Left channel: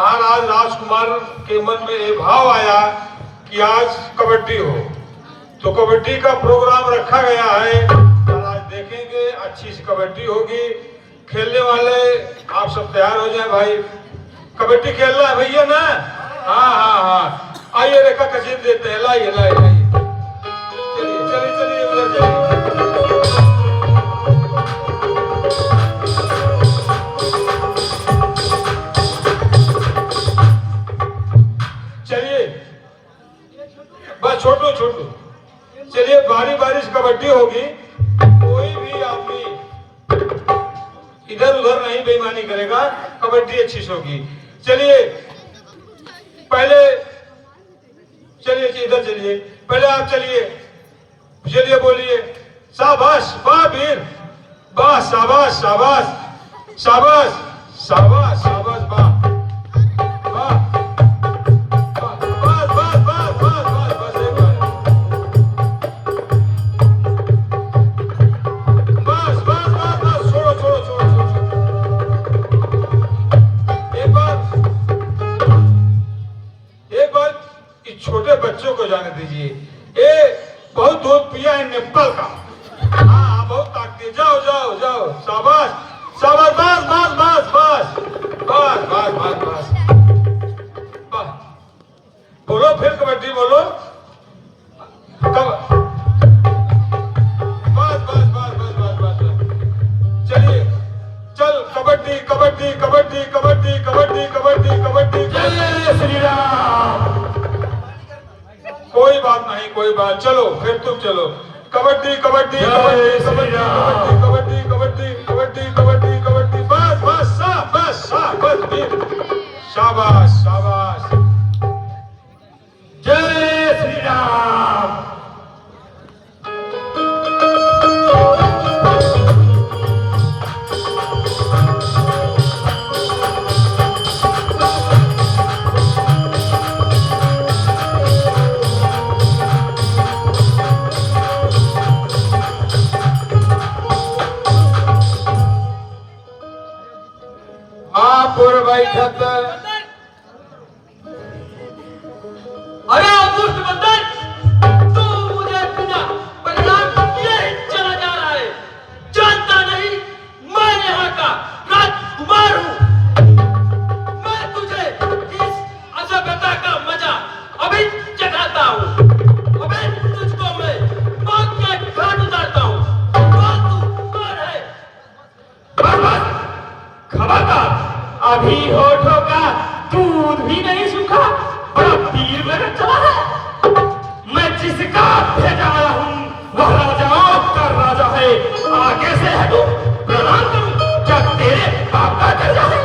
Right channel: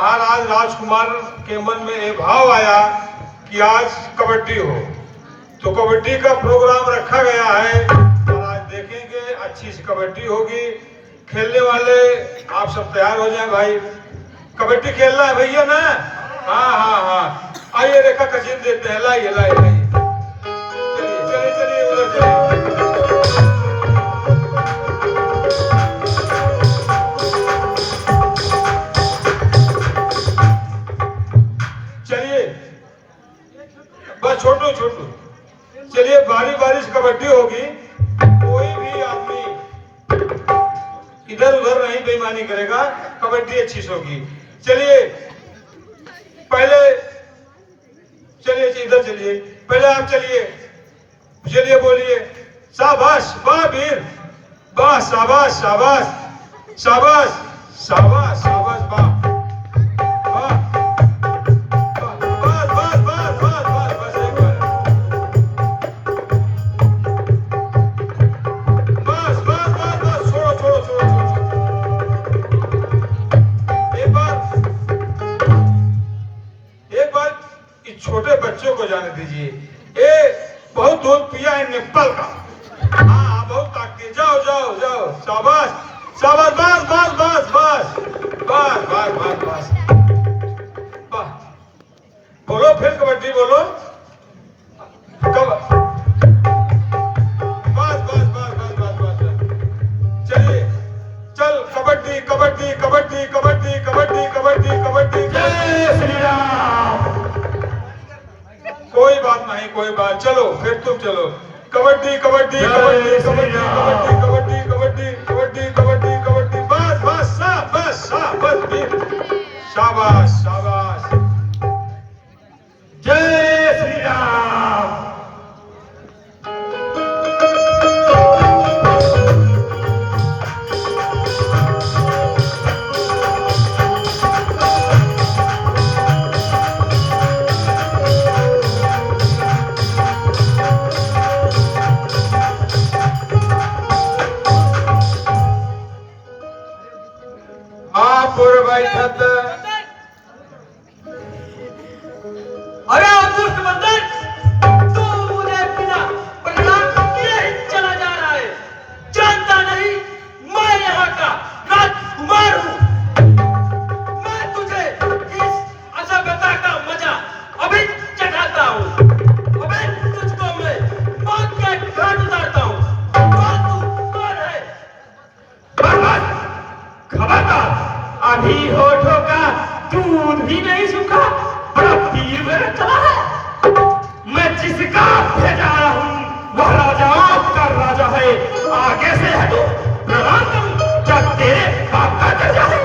महाराज राजकुमार के मन में ये भाव आया कि आज कबड्डी हो, तो कबड्डी का प्रोग्राम रखा गया है। आज देखेंगे, अच्छी सी कबड्डी होगी। खेलने वाले आप सब तैयार हो जाए भाई, कबड्डी खेलना है भैया ना। हाँ हाँ हाँ, आइए रेखा का जीत देते हैं। लाइए लाइए लाइए, चलिए चलिए चलिए उधर चलिए, बस छोटू छोटू चलिए। बारी बारी से कबड्डी होगी, कोई भी आदमी इधर उधर नहीं बेईमानी करेगा, कबड्डी अच्छी से होगी। चलिए पहले, चलिए इधर चलिए, पहले आप चलिए, चलिए बोलिए शाबाश, वाह वीर, वाह, शाबाश शाबाश शाबाश शाबाश शाबाश, वाह वाह, बस बस बस बस बस बस, एक बार बस बस बस बस, छोड़ो छोड़ो छोड़ो छोड़ो, एक बार इस छोटे बच्चों को जाने दीजिए। ये बहुत दूध पिया है नेपाल का। हाँ बहुत ताकती, जाओ जाओ जाओ, शाबाश शाबाश, बस बस बस बस बस बस बस बस, बोलो फिर कबड्डी बोलो, बस बस बस बस बस बस, चलिए चल, कबड्डी कबड्डी कबड्डी कबड्डी कबड्डी कबड्डी कबड्डी, जय श्री राम। कोई बात नहीं, कोई बात, चलो फिर तुम चलो, कबड्डी कबड्डी कबड्डी कबड्डी कबड्डी कबड्डी कबड्डी कबड्डी कबड्डी, बस बस शाबाश शाबाश, शाबाश शाबाश, जय श्री राम। भाई अरे दुष्ट बंदर, तू मुझे बिना परिणाम किए ही चला जा रहा है। जानता नहीं मैं यहाँ का राजकुमार हूँ। मैं तुझे इस असभ्यता का मजा अभी चखाता हूँ। अबे तुझको मैं मौत के घाट उतारता हूँ। तू कौन है? खबरदार, अभी होठों का दूध भी नहीं सूखा, बड़ा तीर मेरे चला है। मैं जिसका भेजा आया हूँ वह राजाओं का राजा है। आगे से हटो, प्रणाम करूं, जब तेरे बाप का दर्जा है।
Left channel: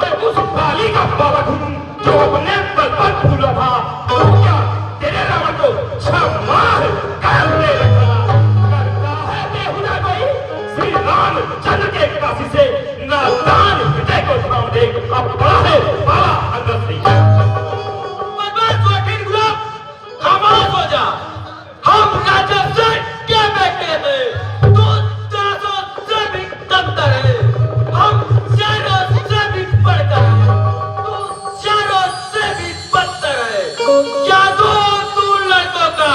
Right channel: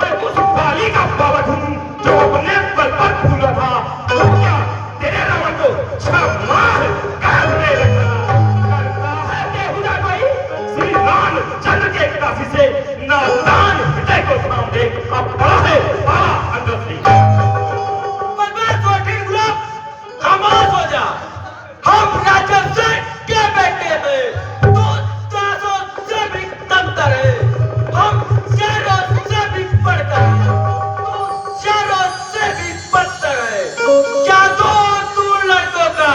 मैं उस बाली का बालक हूँ जो अपने बल पर फूला था। तो क्या तेरे रावण को छमार करने लगा? करता है बेहुदा कोई? श्री राम चंद्र के काशी से नादान हृदय को थाम दे। अब बड़ा है बाला अंदर से। बर्बाद वकील गुलाब, खामोश हो जा। हम राजा से क्या बेटे हैं? तू दासों से भी कमतर है। हम शेरों से भी बढ़कर हैं। तू शेरों से भी बदतर है। जादू तू लड़कों का,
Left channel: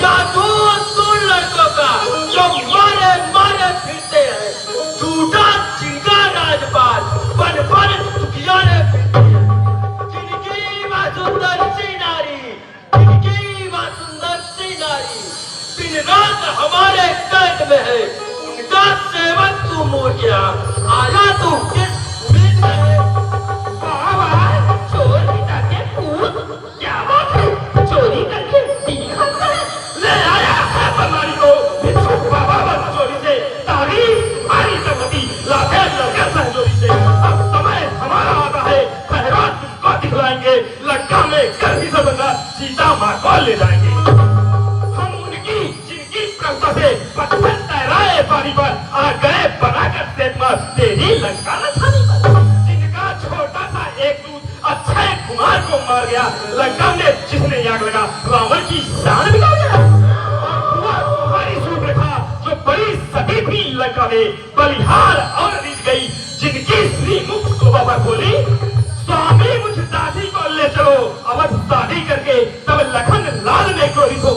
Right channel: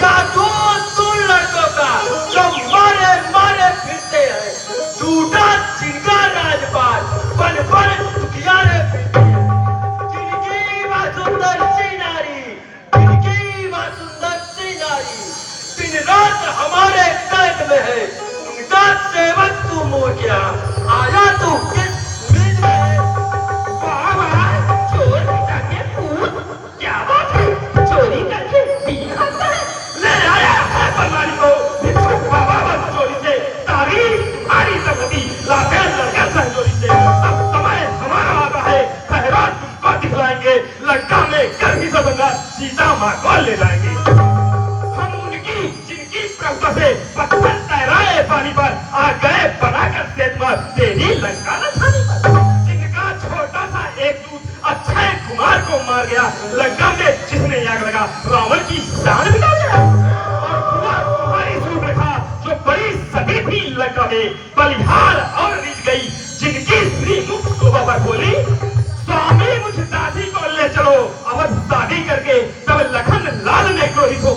जादू तू लड़कों का, जो मारे मारे फिरते हैं। झूठा चिंगा राजपाल, बन बन दुखियारे फिरते हैं। जिनकी वह सुंदर सी नारी, जिनकी वह सुंदर सी नारी दिन रात हमारे कैद में है, उनका सेवन तू मोड़ गया। आया तू किस उम्मीद में है? चोर पिता के पूत, क्या बात है? चोरी करके दिया ले आया है बंगाली को। चोरी से तारी आरी तकती लाते लड़का सहजोरी से। अब समय हमारा आता है, खैरात तुमको दिखलाएंगे। लड़का में कर भी सकूंगा, सीता माँ को ले जाएंगे। हम उनकी जिनकी प्रभुता से पत्थर तैराए पानी पर आ गए बनाकर सेतुआ तेरी लंका न छानी पर। जिनका छोटा सा एक दूत अक्षय कुमार को मार गया, लंका में जिसने आग लगा रावण की शान बिगाड़ गया। और हुआ तुम्हारी सूर्यरेखा जो बड़ी सभी थी लंका में, बलिहार और रीत गई। जिनकी श्री मुख शोभा पर बोली के तब लखन लाल ने क्रोधित हो